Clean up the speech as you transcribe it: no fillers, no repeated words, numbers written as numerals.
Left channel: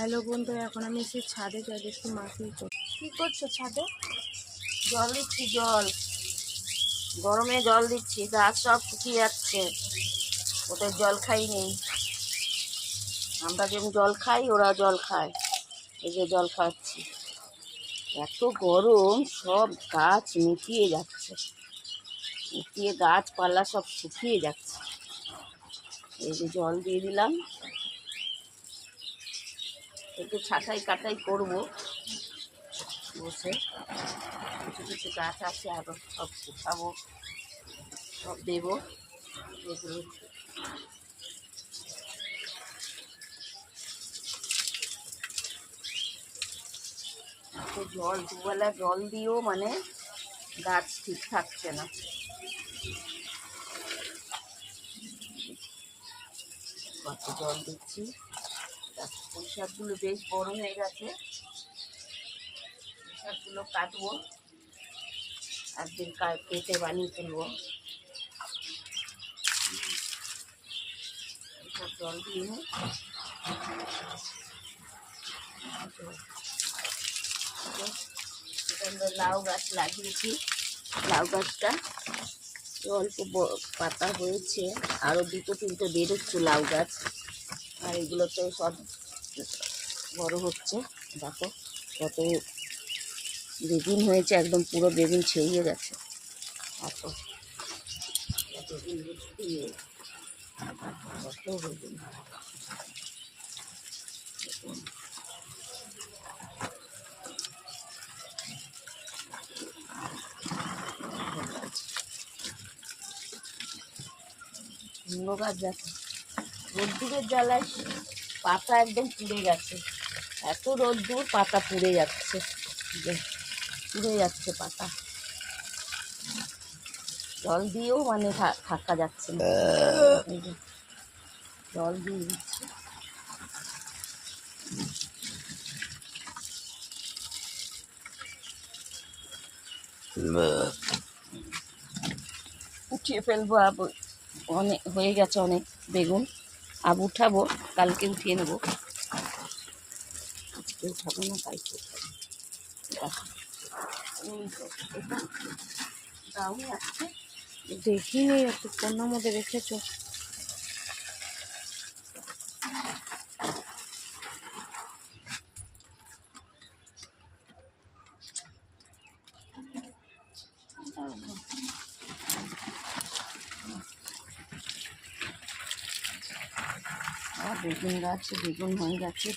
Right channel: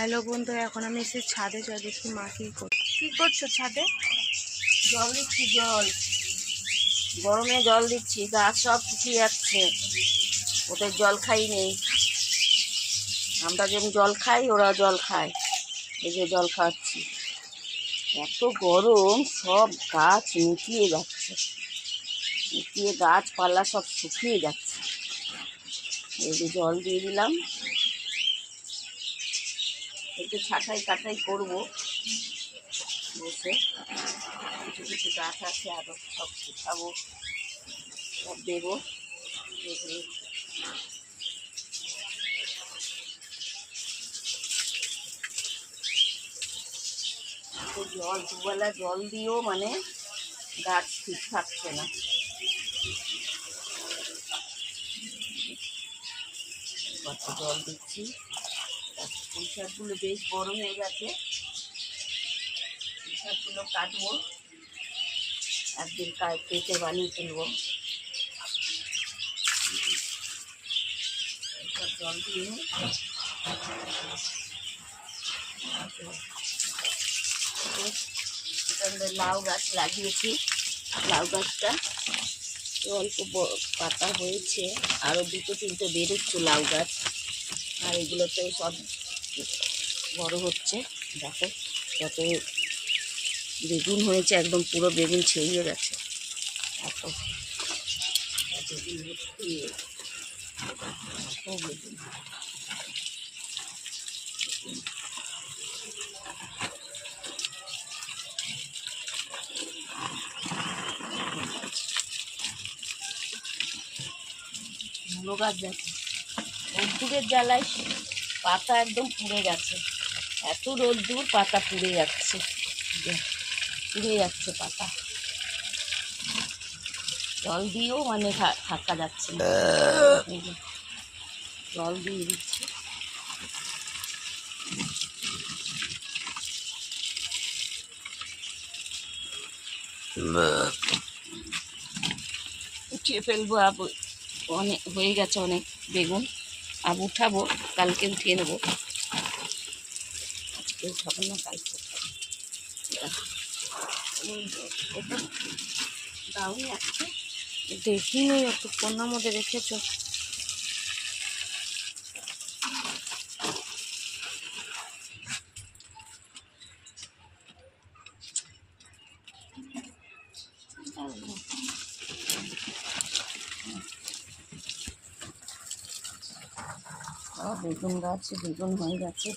Hello বন্ধুরা, এখন আমি এসে ছাদে যাই, দেখি মা কি করছো ছাদে? জল দিচ্ছি, গরমে জল দিচ্ছি, গাছ সব শুকিয়ে যাচ্ছে। ওদের জল খাই নেই, আমরা যেমন জল খাই ওরা জল খায়। এই যে জল খাচ্ছি, এত গরম সব গাছ নিটিয়ে যাচ্ছে, নিটিয়ে গাছপালা সব শুকিয়ে যাচ্ছে। এই যে জল দিয়ে দিলাম, একটু ছাঁটাই কাটাই করবো বসে। কিছু কিছু গাছ আছে আরও, সব শুকাবো, সব দেবো। এগুলো তো জল দুবেলা জল দিয়েও মানে গাছ ঠিক থাকছে না। কত জল দিচ্ছি। পুঁই শাকগুলো বেশ বড় হয়ে গেছে, পুঁই শাকগুলো কাটবো, একদিন কেটে বানিয়ে তুলবো। এইসব জল দিয়ে এখানে লাউ গাছ লাগিয়েছি। লাউ গাছটা অল্প পাতা হয়েছে, আরও দুটো তিনটে বেরোচ্ছে লাউ গাছ। আর এগুলোতেও সব বড় হচ্ছে। দেখো কত বেগুন হয়েছে, একদম পুরো বেগুন ছেড়িয়ে গেছে। এত বেগুন বেগুন মূলো গাছ দেখো, রোদ্দুরের জ্বালায় পাতা একদম পুড়ে গেছে। এত রোদ্দুর, পাতা পুড়ে যাচ্ছে, পুড়ে যাচ্ছে পাতা। জল দিয়েও মানে থাকা যাচ্ছে না। জল দিয়ে দিচ্ছি। উঠিয়ে ফেলবো, অনেক হয়ে গেছে, অনেক বেগুন। আব উঠাবো, কালকে উঠিয়ে নেবো। আজকে উঠাবো না, কালকে উঠাবো। দাউনি আসছে, দেখিনি, একটু কন্যার মধ্যে রেখেছো। বেগুন গাছ বেগুন হয়ে গেছে।